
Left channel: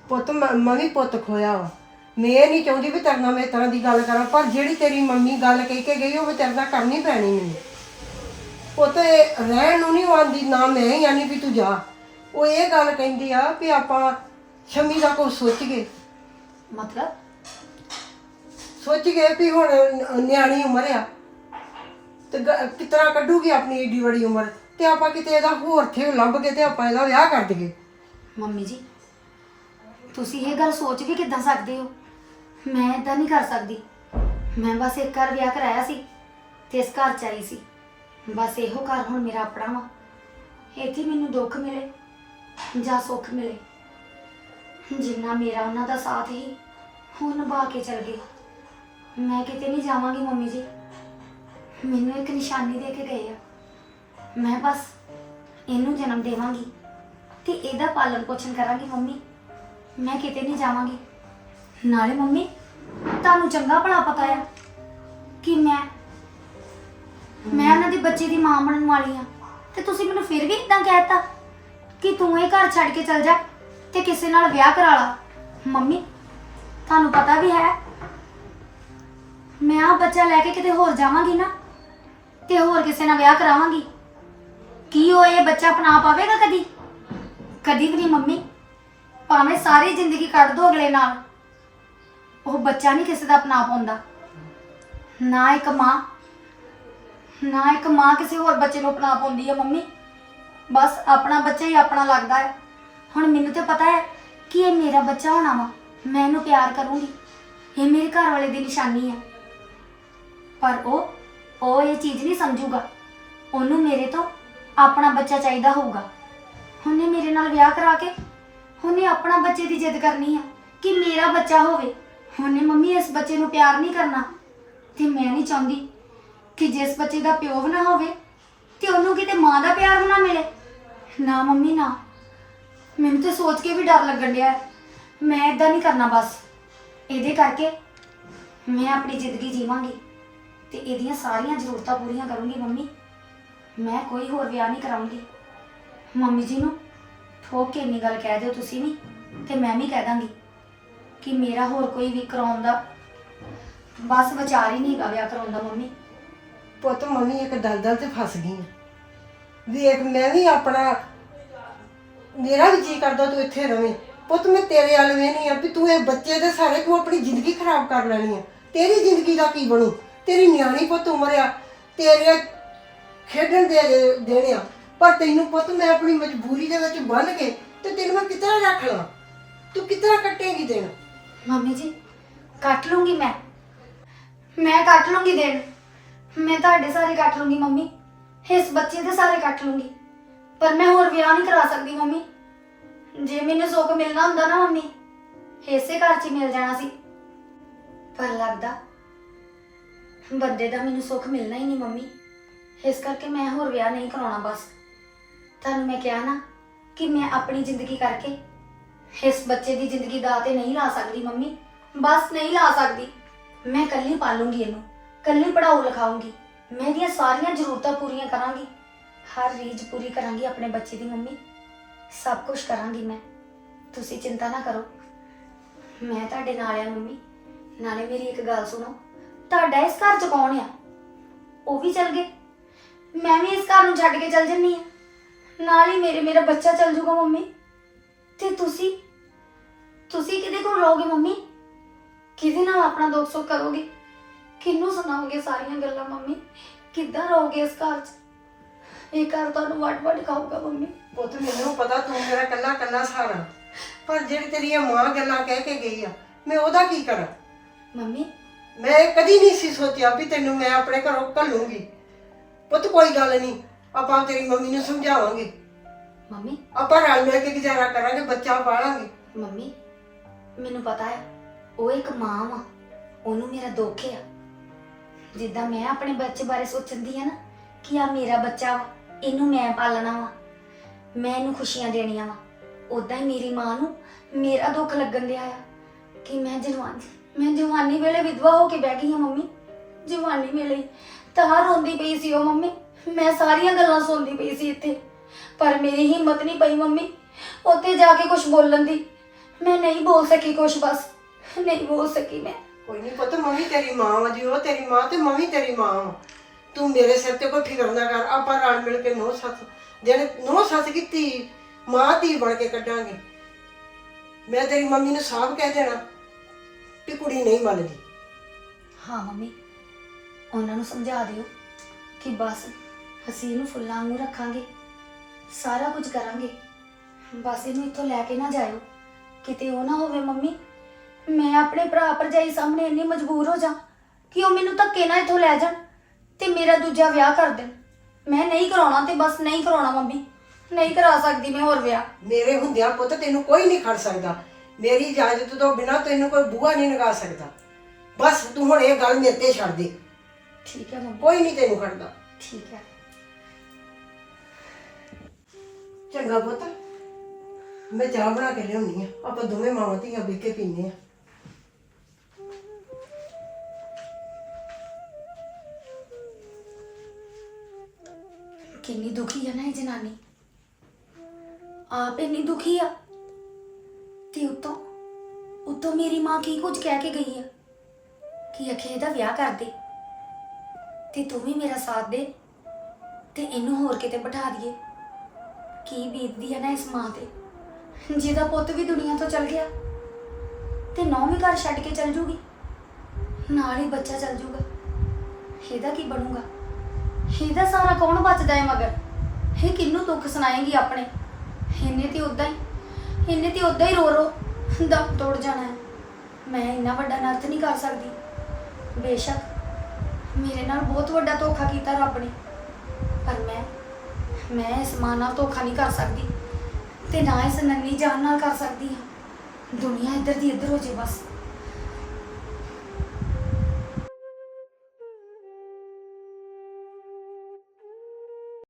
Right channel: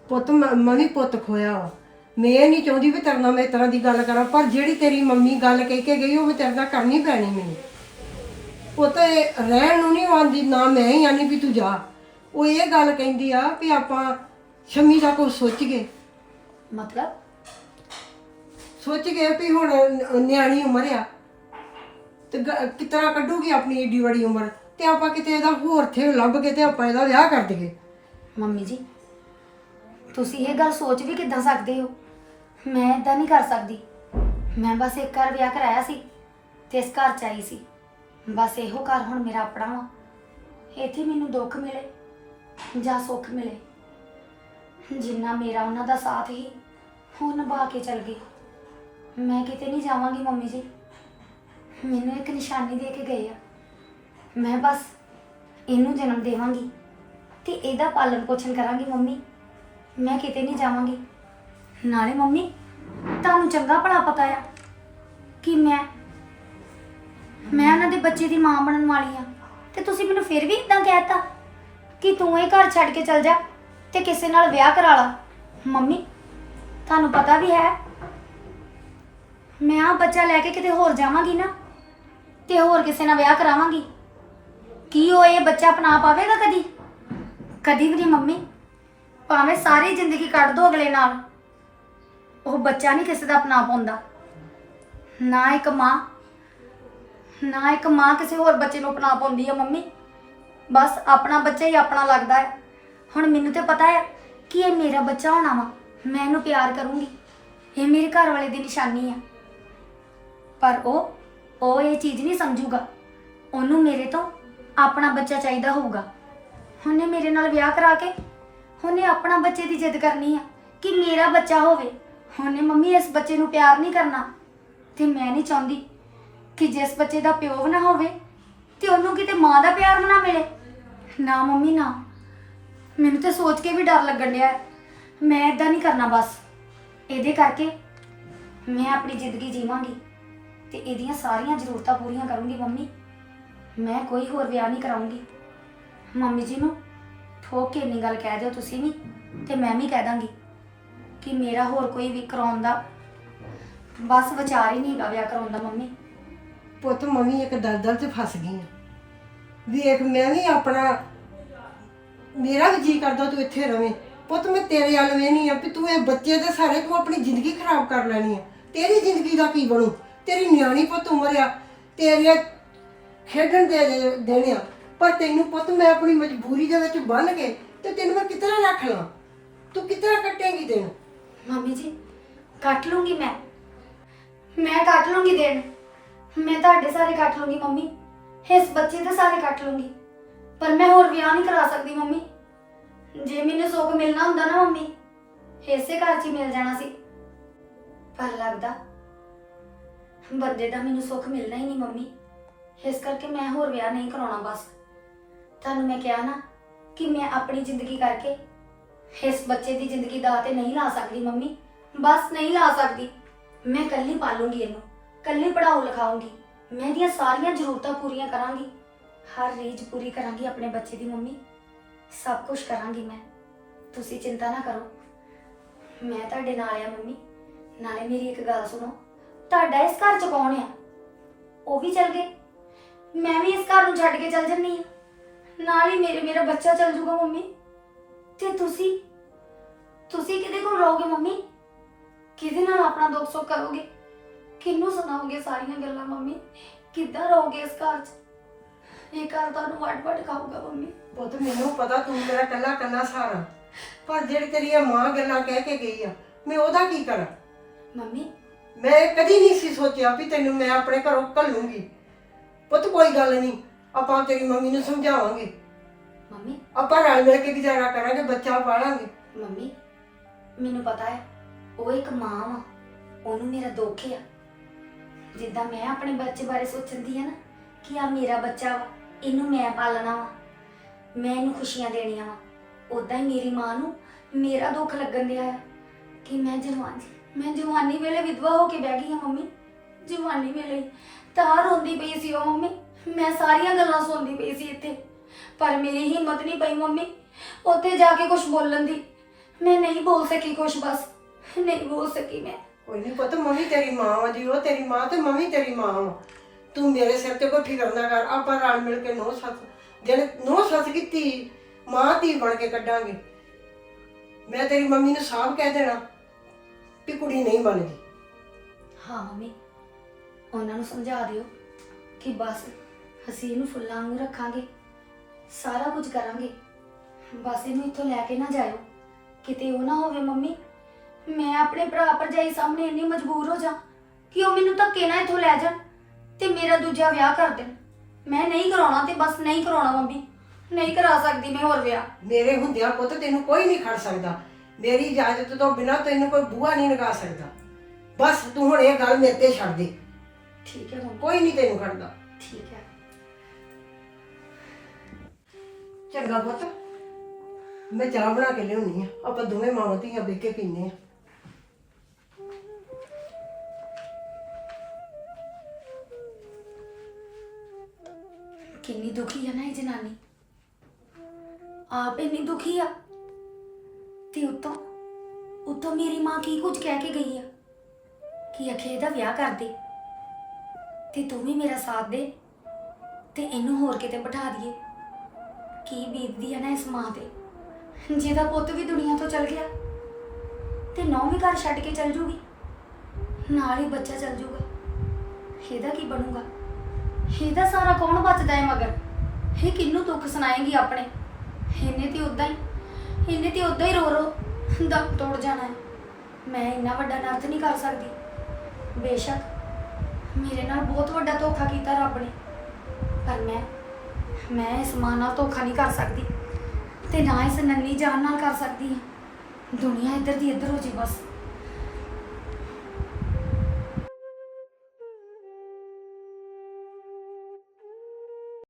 ਪੁੱਤ, ਮ- ਮੈਂ ਵੀ ਪੁੱਤ ਖੋਇਆ ਵਾ। ਮੈਂ ਇਹ ਨਹੀਂ ਚਾਹੁੰਦੀ ਵੀ ਤੇਰੇ ਨਾਲ ਮੈਂ ਇਸ ਤਰ੍ਹਾਂ ਦੀ ਗੱਲ ਕਰਾਂ ਪਰ ਜਿਹੜੀ ਤੇਰੀ ਮੰਮੀ ਗੱਲ ਕਹਿ ਕੇ ਗਈ ਉਹ ਮੈਂ ਤੇਰੇ ਨਾਲ ਕਰਨੀ ਪੈਣੀ ਮੈਨੂੰ। ਪੁੱਤ ਇਹ ਰਹਿਣ ਨੂੰ ਨਹੀਂ ਆਂਦੀ ਨਾ ਮੈਂ ਹੀ ਆਨੀ ਵੀ ਤੂੰ ਜਾ। ਉਹ ਇਹ ਗੱਲ ਕਹਿੰਦੀ ਆ ਵੀ ਆਪਾਂ ਸ਼ਮੀ ਦਾ ਕੁਝ ਸੋਚੀਏ ਮਤਲਬ? ਸੋਚ ਗਏ ਵੀ ਹੁਣ ਨਿਆਣੀ ਉਮਰ ਆ ਤੇ ਤਰ੍ਹਾਂ ਕੱਢੂਗੀ ਆਪਣੀ ਏਡੀ ਵੱਡੀ ਉਮਰ ਤੇ ਆਪਾਂ ਕਿਤੇ ਇਹਦਾ ਹੋਰ ਥੇ ਲੱਭ ਕੇ ਤੇ ਆਪਾਂ ਇਹਦਾ ਵਿਆਹ ਕਰ ਦਈਏ। ਮੰਮੀ ਜੀ ਤੁਸੀਂ ਇਹ ਗੱਲ ਸੋਚ ਵੀ ਕਿੱਦਾਂ ਸਕਦੇ ਹੋ? ਮੈਂ ਇਦਾਂ ਨਹੀਂ ਕਰ ਸਕਦੀ। ਮੈਂ ਬਸ ਇੱਕ ਘਰ ਵਿਆਹ ਕਰਾਇਆ ਸੀ ਤੇ ਇਸ ਘਰ ਚ ਆਈ ਸੀ। ਬਸ ਇਹੋ ਘਰ ਹੁਣ ਮੇਰਾ ਆਪਣਾ ਵਾ। ਇੱਥੇ ਮੈਨੂੰ ਦੁੱਖ ਮਿਲੇ ਜਾਂ ਸੁੱਖ ਮਿਲੇ। ਜਿੰਨਾ ਮੇਰਾ ਉਹਨਾਂ ਦਾ ਸਾਥ ਹੀ ਉਹ ਨਿਭਾ ਕੇ ਚਲ ਗਏ। ਮੈਂ ਕਿਤੇ ਨਹੀਂ ਜਾਵਾਂਗੀ ਮੰਮੀ ਜੀ। ਮੈਨੂੰ ਇੱਕ ਨਿਸ਼ਾਨੀ ਦੇ ਕੇ ਗਏ ਆ। ਮੈਂ ਬਸ ਇਹਨੂੰ ਜਨਮ ਦੇਵਾਂਗੀ ਤੇ ਇਹਦਾ ਪਾਲਣ ਪੋਸ਼ਣ ਕਰਾਂਗੀ ਮੰਮੀ। ਮੈਂ ਕਿਤੇ ਨਹੀਂ ਜਾਵਾਂਗੀ। ਨਾਲੇ ਮੰਮੀ, ਤੁਹਾਨੂੰ ਚੰਗਾ ਭਲਾ ਪਤਾ ਆ ਕਿ ਮੈਂ ਮੈਂ ਉਹਨਾਂ ਦੇ ਬੱਚੇ ਦੀ ਮਾਂ ਬਣਨ ਵਾਲੀ ਆ। ਤੇ ਤੁਸੀਂ ਮੈਨੂੰ ਫਿਰ ਵੀ ਇਦਾਂ ਕਹਿਤਾ ਕਿ ਤੂੰ ਇਹ ਘਰ ਛੱਡ ਕੇ ਚਲ ਜਾ ਤੇ ਕਿਸੇ ਨਾਲ ਵਿਆਹ ਕਰਾ ਲਾ। ਮੰਮੀ, ਤੁਹਾਨੂੰ ਪਤਾ ਵੀ ਹੈ, ਮੈਂ ਆ ਬੱਚਾ ਲੈ ਕੇ ਕਿਤੇ ਹੋਰ ਜਾਵਾਂਗੀ ਨਾ ਤੇ ਹੋਰ ਕਿਸੇ ਨਾਲ ਵਿਆਹ ਕਰਾਵਾਂਗੀ। ਕੀ ਉਹ ਇਹ ਬੱਚਾ ਅਪਣਾ ਪਾਵੇਗਾ ਕਦੀ? ਕਦੀ ਵੀ ਨਹੀਂ ਮੰਮੀ। ਭਾਵੇਂ ਸਾਰੀ ਜ਼ਿੰਦਗੀ ਕੱਢ ਦੋ ਅਗਲੇ ਨਾਲ। ਉਹ ਬੱਚਾ ਨਹੀਂ ਕਿਸੇ ਦਾ ਅਪਣਾ ਪਾਉਂਦਾ ਨਾ ਇੱਕ ਮਾਂ, ਨਾ ਇੱਕ ਮਾਂ ਕਿਸੇ ਹੋਰ ਬੱਚੇ ਨੂੰ ਅਪਣਾ ਪਾਉਂਦੀ ਆ ਮੰਮੀ। ਬਸ ਆਪਣਾ ਬੱਚਾ ਹੀ ਆਪਣਾ ਲੱਗਦਾ ਹੈ। ਹੁਣ ਮੈਨੂੰ ਤੇ ਪਤਾ ਹੈ ਕਿ ਇਹ ਮੇਰਾ ਬੱਚਾ ਹੋਣਾ ਵਾ। ਮੈਂ ਇਹਨੂੰ ਪਿਆਰ ਕਰੂੰਗੀ। ਇਹ ਮੇਰੇ ਘਰ ਵਾਲੇ ਦੀ ਨਿਸ਼ਾਨੀ ਹੈ ਪਰ ਉਹ ਉਹ ਇਹ ਚੀਜ਼ ਨਹੀਂ ਸਮਝੂਗਾ। ਉਹਨੂੰ ਮੇਰੇ ਤੋਂ ਆਪਣਾ ਬੱਚਾ ਚਾਹੀਦਾ ਹੋਊਗਾ। ਉਹਨੇ ਮੇਰੇ ਨਾਲ ਵਿਆਹ ਕਰਾ ਕੇ ਉਹਨੇ ਆਪਣਾ ਬੱਚੇ ਦੀ ਜਿੱਦ ਕਰਨੀ ਆ ਕਿ ਮੇਰਾ ਬੱਚਾ ਹੋਵੇ। ਉਹਨੇ ਮੰਮੀ, ਇਸ ਬੱਚੇ ਨੂੰ ਪਿਆਰ ਨਹੀਂ ਕਰਨਾ। ਤੇ ਮੈਂ ਨਹੀਂ ਚਾਹੁੰਦੀ ਕਿ ਜਿਸ ਬੱਚੇ ਦਾ ਪਿਓ ਵੀ ਨਾ ਹੋਵੇ, ਤੇ ਉਹਨੂੰ ਕਿਤੇ ਮਾਂ ਦਾ ਪਿਆਰ ਵੀ ਨਾ ਮਿਲੇ। ਨਾ ਮੰਮੀ, ਨਾ। ਮੈਨੂੰ ਤੇ ਸੋਚ ਕੇ ਵੀ ਡਰ ਲੱਗਣ ਡਿਆ। ਹੈ। ਮੈਂ ਇਦਾਂ ਨਹੀਂ ਕਰਨਾ ਬਸ। ਇਹਦੇ ਕਰਕੇ ਮੈਂ ਆਪਣੀ ਜ਼ਿੰਦਗੀ ਜੀਵਾਂਗੀ। ਤੇ ਇਹਦੀਆਂ ਸਾਰੀਆਂ ਜ਼ਰੂਰਤਾਂ ਪੂਰੀਆਂ ਕਰੂੰਗੀ ਮੰਮੀ। ਮੈਂ ਕੋਈ ਹੋਰ ਵਿਆਹ ਨਹੀਂ ਕਰਾਉਂਗੀ। ਮੰਮੀ ਜੀ ਨੂੰ ਠੋਕ ਕੇ ਇੰਨੀ ਗੱਲ ਕਹਿ ਦਿਓ ਤੁਸੀਂ ਵੀ, ਤੇ ਮੈਂ ਵੀ ਕਹਿ ਦਾਂਗੀ। ਕਿ ਮੇਰਾ ਹੋਰ ਕੋਈ ਵੀ ਕਰਾਉਣ ਦਾ ਬਸ ਵਿਚਾਰ ਹੀ ਨਹੀਂ ਹੈਗਾ ਵਿਆਹ ਕਰਾਉਣ ਦਾ ਮੰਮੀ। ਪੁੱਤ ਮੰਮੀ ਇੱਕ ਦਲਦਲ ਚ ਫਸ ਗਈ ਆਂ। ਵੇਖ, ਮੈਂ ਵੀ ਆਪਣਾ ਮੇਰਾ ਵੀ ਜੀ ਕਰਦਾ ਤੂੰ ਇੱਥੇ ਰਵੇਂ। ਪੁੱਤ ਮੈਂ ਤੇਰੇ ਵੱਲ ਵੇਹਨੀ ਆ ਵੀ ਤੂੰ ਇਹ ਬੱਚੇ ਦੇ ਸਾਰੇ ਤੂੰ ਆਪਣੀ ਜ਼ਿੰਦਗੀ ਖਰਾਬ ਕਰ ਲੈਣੀ ਆ। ਤੇਰੀ ਜ਼ਿੰਦਗੀ ਦਾ ਕੀ ਬਣੂ? ਤੇਰੀ ਨਿਆਣੀ ਪੁੱਤ ਉਮਰ ਆ ਤੇਰੇ ਖੇਡਣ ਦੇ ਦੇਣੇ ਆ। ਪਰ ਤੈਨੂੰ ਪੁੱਤ ਮੈਂ ਆਪਣੀ ਮਜਬੂਰੀ ਦੇ ਵਿੱਚ ਬੰਨ ਕੇ ਤੇ ਤੈਨੂੰ ਮੈਂ ਕਿਤਨਾ ਰੱਖ ਲਾਂ? ਤੂੰ ਕਿਤਨਾ ਕੱਟੇਗੀ ਤੈਨੂੰ? ਮੰਮੀ ਜੀ, ਕੱਟ ਲੂੰਗੀ ਮੈਂ। ਮੈਂ ਕੱਟ ਲੂੰਗੀ ਦਿਨ ਮੈਂ ਤੁਹਾਡੇ ਸਾਰੇ ਕੱਟ ਲੂੰਗੀ ਮੰਮੀ। ਇਸ ਬੱਚੇ ਦੇ ਸਾਰੇ ਕੱਟ ਲੂੰਗੀ। ਪਰ ਮੈਂ ਹੋਰ ਵਿਆਹ ਨਹੀਂ ਕਰਾ ਸਕਦੀ ਮੰਮੀ। ਜੇ ਮੈਨੂੰ ਸੁੱਖ ਮਿਲਣਾ ਹੁੰਦਾ ਨਾ ਮੰਮੀ, ਇਸੇ ਘਰ 'ਚ ਹੀ ਮਿਲ ਜਾਣਾ ਸੀ। ਪਰ ਲੱਗਦਾ ਬੰਦੇ ਦਾ ਮੈਨੂੰ ਸੁੱਖ ਮਿਲਣਾ ਹੀ ਨਹੀਂ ਮੰਮੀ। ਇਸ ਕਰਕੇ ਮੈਂ ਹੋਰ ਵਿਆਹ ਨਹੀਂ ਕਰਾਉਣਾ ਬਸ। ਤੁਹਾਨੂੰ ਮੈਂ ਕਿਹਾ ਨਾ ਕਿ ਮੈਂ ਆਪਣੀ ਜ਼ਿੰਦਗੀ ਕਰਕੇ ਇਸ ਬੱਚੇ ਦੀ ਜ਼ਿੰਦਗੀ ਦਾ ਤੇ ਨਹੀਂ ਲਾ ਸਕਦੀ ਮੰਮੀ। ਬਸ ਨਹੀਂ ਲਾ ਸਕਦੀ। ਮੈਂ ਕੱਲੀ ਪਾਲੂੰਗੀ ਇਹਨੂੰ ਕੱਲੀ ਪੜਾਉ ਲਿਖਾਉਂਗੀ ਮੈਂ ਇਹਦੀਆਂ ਸਾਰੀਆਂ ਜ਼ਰੂਰਤਾਂ ਪੂਰੀਆਂ ਕਰਾਂਗੀ। ਹਰ ਰੀਝ ਪੂਰੀ ਕਰਾਂਗੀ ਆਪਣੇ ਬੱਚੇ ਦੀ ਮੰਮੀ। ਸਭ ਕੁਝ ਕਰਾਂਗੀ ਮੈਂ। ਤੁਸੀਂ ਚਿੰਤਾ ਨਾ ਕਰੋ। ਮੈਂ ਤੁਹਾਡੇ ਨਾਲ ਆ ਮੰਮੀ। ਨਾਲੇ ਮੇਰੀ ਇੱਕ ਗੱਲ ਸੁਣੋ। ਤੁਹਾਡਾ ਇਸ ਘਰ ਚ ਕੌਣ ਆ? ਉਹ ਵੀ ਚਲ ਗਏ। ਮੈਂ ਵੀ ਇਸ ਘਰ ਨੂੰ ਛੱਡ ਕੇ ਚਲ ਜੰਨੀ ਆ ਨਾਲ ਹੀ ਮੇਰੇ, ਮੇਰਾ ਬੱਚਾ ਚਲ ਜੂਗਾ ਮੰਮੀ। ਤੇ ਤੁਸੀਂ ਤੁਸੀਂ ਕਿਹਦੇ ਕੋਲ ਰਹੋਗੇ ਮੰਮੀ? ਕਿਹਦੇ ਨਾਲ ਆਪਣਾ ਦੁੱਖ ਸੁੱਖ ਕਰੋਗੇ? ਕਿਹਨੂੰ ਸੁਣਾਓਗੇ ਸਾਰੀਆਂ ਗੱਲਾਂ ਮੰਮੀ? ਕਿੱਦਾਂ ਰਹੋਗੇ ਇਸ ਘਰ 'ਚ? ਇਹ ਘਰ ਤੁਹਾਨੂੰ ਵੱਡ ਵੱਡ ਖਾਊਗਾ ਮੰਮੀ। ਪੁੱਤ ਮੈਨੂੰ ਪਤਾ ਤੂੰ ਮੇਰਾ ਕੱਲਾ ਕੱਲਾ ਸਹਾਰਾ ਪਰ ਜਿਹੜੀ ਤੇਰੀ ਇਹ ਮਾਂ ਗੱਲਾਂ ਕਹਿ ਕੇ ਗਈ ਆ ਮੈਂ ਉਹਦਾ ਕੀ ਕਰਾਂ? ਮੰਮੀ। ਮੈਂ ਕਦੀ ਨਹੀਂ ਸੀ ਸੋਚਿਆ ਵੀ ਤੈਨੂੰ ਮੈਂ ਆਪਣੇ ਘਰੋਂ ਘੱਲੂੰਗੀ। ਪੁੱਤ ਕੋਈ ਗੱਲ ਨਹੀਂ ਆਪਾਂ ਤੇਰੀ ਮੰਮੀ ਨੂੰ ਸਮਝਾਵਾਂਗੇ। ਮੰਮੀ? ਆਪਾਂ ਰਲ ਮਿਲ ਕੇ ਗੁਜ਼ਾਰਾ ਕਰਾਂਗੇ ਬੱਚਾ ਪਾਲਾਂਗੇ। ਮੰਮੀ ਮੈਨੂੰ ਪਤਾ ਹੈ ਉਹ ਇੱਕ ਮਾਂ ਵਾ ਉਹਨੂੰ ਮੇਰਾ ਦੁੱਖ ਆ। ਜਿੱਦਾਂ ਮੈਂ ਆਪਣੇ ਬੱਚੇ ਬਾਰੇ ਸੋਚਦੀ ਆ ਨਾ ਕਿ ਆ ਮੇਰਾ ਬੱਚਾ ਵਾ ਇਹਨੂੰ ਮੈਂ ਪਾਲਣਾ ਵਾ ਮੈਂ ਇਹਨੂੰ ਖੁਸ਼ੀਆਂ ਦੇਣੀਆਂ ਵਾ। ਉਦਾਂ ਹੀ ਮੇਰੀ ਮਾਂ ਨੂੰ ਮੇਰਾ ਦੁੱਖ ਲੱਗਣ ਦਿਆ ਆ ਕਿ ਮੈਂ ਜਵਾਨ ਮੈਂ ਜਵਾਨੀ ਵੇਲੇ ਵਿਧਵਾ ਹੋ ਕੇ ਬਹਿ ਗਈ ਆ ਮੰਮੀ। ਜਵਾਨੀ ਵੇਲੇ ਹੀ। ਤਾਂ ਰੋਂਦੀ ਪਈ ਸੀ ਉਹ ਮੰਮੀ। ਮੈਂ ਸਾਰੀਆਂ ਗੱਲਾਂ ਸੁਣਦੀ ਪਈ ਸੀ ਇੱਥੇ। ਪਰ ਮੇਰੀ ਹਿੰਮਤ ਨਹੀਂ ਪਈ ਮੰਮੀ ਉੱਥੇ ਜਾ ਕੇ ਕੁਝ ਬੋਲਣ ਦੀ। ਮੈਂ ਨਹੀਂ ਬੋਲ ਸਕੀ ਕੁਝ ਬਸ। ਨਹੀਂ ਬੋਲ ਸਕੀ ਮੈਂ। ਕੋਈ ਨਹੀਂ ਪੁੱਤ ਮੰਮੀ ਤੇਰੀ ਮਾਂ ਵਾ ਜੀ ਉਹ ਤੇਰੀ ਮਾਂ ਤੇ ਮੰਮੀ ਤੇਰੀ ਮਾਂ ਵਾ। ਤੂੰ ਮੇਰੇ ਸਿਰ ਤੇ ਕੋਈ ਫਿਕਰ ਨਾ ਕਰ ਆਪਾਂ ਰਲ ਮਿਲ ਕੇ ਨੋ ਸੱਸ ਜਿਹੜੇ ਨੋ ਸੱਸ ਕੀ ਧੀ ਮਾਂ ਧੀ ਬਣ ਕੇ ਕੱਢਾਂਗੇ। ਮੈਂ ਤੇਰੀ ਮੰਮੀ ਨੂੰ ਸਾਫ਼ ਕਹਿ ਦੇਣਾ ਵੀ ਕੁੜੀ ਨਹੀਂ ਮੰਨਦੀ ਹਾਂ ਮੰਮੀ ਉਹਨਾਂ ਨੂੰ ਸਮਝਾ ਦਿਓ ਕਿ ਬਸ ਅਸੀਂ ਇਹਨੂੰ ਫੁੱਲਾਂ ਵਾਂਗੂ ਰੱਖਾਂਗੇ। ਸਾਰਾ ਕੁਝ ਕਰਾਂਗੇ। ਬਸ ਇਹਨੂੰ ਇੱਥੋਂ ਲੈ ਕੇ ਨਾ ਜਾਇਓ। ਕਿਤੇ ਉਹ ਨਾ ਹੋਵੇ ਮੰਮੀ ਮੈਂ ਆਪਣੇ ਭਰਾ ਭਰਜਾਈ ਸਾਹਮਣੇ ਇੰਨੀ ਮਜਬੂਰ ਹੋ ਜਾ ਕਿ ਉਹ ਮੈਨੂੰ ਧੱਕੇ ਨਾਲ ਇੱਥੋਂ ਲੈ ਜਾਣ ਤੇ ਮੇਰਾ ਦੂਜਾ ਵਿਆਹ ਕਰ ਦੇਣ। ਮੈਂ ਨਹੀਂ ਕਰਾਉਣਾ ਤੇ ਬਸ ਨਹੀਂ ਕਰਾਉਣਾ ਮੰਮੀ। ਨਹੀਂ ਕਰਾ ਸਕਦੀ ਮੈਂ ਹੋਰ ਵਿਆਹ। ਮੇਰੇ ਹੁੰਦਿਆਂ ਪੁੱਤ ਤੈਨੂੰ ਕੋਈ ਨਹੀਂ ਖੜ ਸਕਦਾ। ਮੇਰੀ ਇਜਾਜ਼ਤ ਤੋਂ ਬਿਨਾ ਤੈਨੂੰ ਕੋਈ ਬੂਹਾ ਨਹੀਂ ਲਗਾ ਸਕਦਾ। ਬਸ ਤੂੰ ਹੁਣ ਇਹ ਗੱਲ ਮੇਰੇ ਤੇ ਛੱਡ ਦੇ। ਠੀਕ ਹੈ ਮੰਮੀ। ਕੋਈ ਨਹੀਂ ਤੈਨੂੰ ਖੜਦਾ। ਠੀਕ ਹੈ। ਚੰਗਾ ਪੁੱਤ। ਮੈਂ ਚਾਹ ਬਣਾ ਕੇ ਲਿਆਉਣੀ ਆ। ਆਪਾਂ ਦੋਵੇਂ ਮਾਂ ਧੀਆਂ ਬਹਿ ਕੇ ਪੀਨੇ ਆ। ਕਿੰਨੀ ਦੁਖੀ ਆ ਨਾ ਇਹ ਜਨਾਨੀ। ਆਪ ਇੰਨੀ ਦੁਖੀ ਆ। ਤੇ ਉਤੋਂ ਉਤੋਂ ਮੇਰੀ ਮਾਂ ਕੀ ਕੁਝ ਕਹਿ ਕੇ ਗਈ ਆ? ਕਿ ਅਖੇ ਇਹਦਾ ਵਿਆਹ ਕਰ ਦੇ? ਤੇ ਤੂੰ ਵੀ ਮੇਰਾ ਸਾਥ ਦੇ। ਤੇ ਇਹਨੂੰ ਹੋਰ ਕਿਤੇ ਬਿਠਾ ਦਈਏ। ਕੀ ਬੀਤਦੀ ਹੈ ਨਾ ਇਸ ਮਾਂ ਤੇ? ਜਿਹਦਾ ਪੁੱਤ ਵੀ ਦੁਨੀਆ ਤੋਂ ਚਲ ਗਿਆ ਤੇ ਨੌਂ ਵੀ ਘਰ ਛੱਡ ਕੇ ਚਲ ਜੂਗੀ, ਨਾਲ ਹੀ ਬੱਚਾ ਚਲ ਜੂਗਾ। ਇਹਦਾ ਕੀ ਬਣੂਗਾ? ਇਹਦਾ ਸਾਰਾ ਕੌਣ ਬਚਦਾ ਹੈ ਮਗਰ? ਇਹ ਕਿੰਨੂੰ ਦੁੱਖ ਸੁਣਾਏਗੀ ਆਪਣੇ? ਇਹਨੇ ਤੇ ਉਦਾਂ ਹੀ, ਇਹਨੇ ਤੇ ਉਦਾਂ ਹੀ ਰੋ ਰੋ ਦਮ ਤੋੜ ਜਾਣਾ ਹੈ ਮੈਂ ਇੰਨਾ ਵੱਡਾ ਨਰਤ ਨਹੀਂ ਕਰ ਸਕਦੀ। ਬੇਸ਼ੱਕ ਮੇਰੇ ਨਾਲ ਬਹੁਤ ਵੱਡਾ ਧੋਖਾ ਕੀਤਾ ਰੱਬ ਨੇ, ਪਰ ਮੈਂ ਮੈਂ ਇਸ ਮਾਂ ਨਾਲ ਧੋਖਾ ਨਹੀਂ ਕਰ ਸਕਦੀ ਤੇ ਨਾ ਇਸ ਨੰਨੀ ਜਾਨ ਨਾਲ ਕਰ ਸਕਦੀ ਹਾਂ। ਦੁਨੀਆ ਇੱਧਰ ਦੀ ਇੱਧਰ ਹੋ ਜੇ ਬਸ।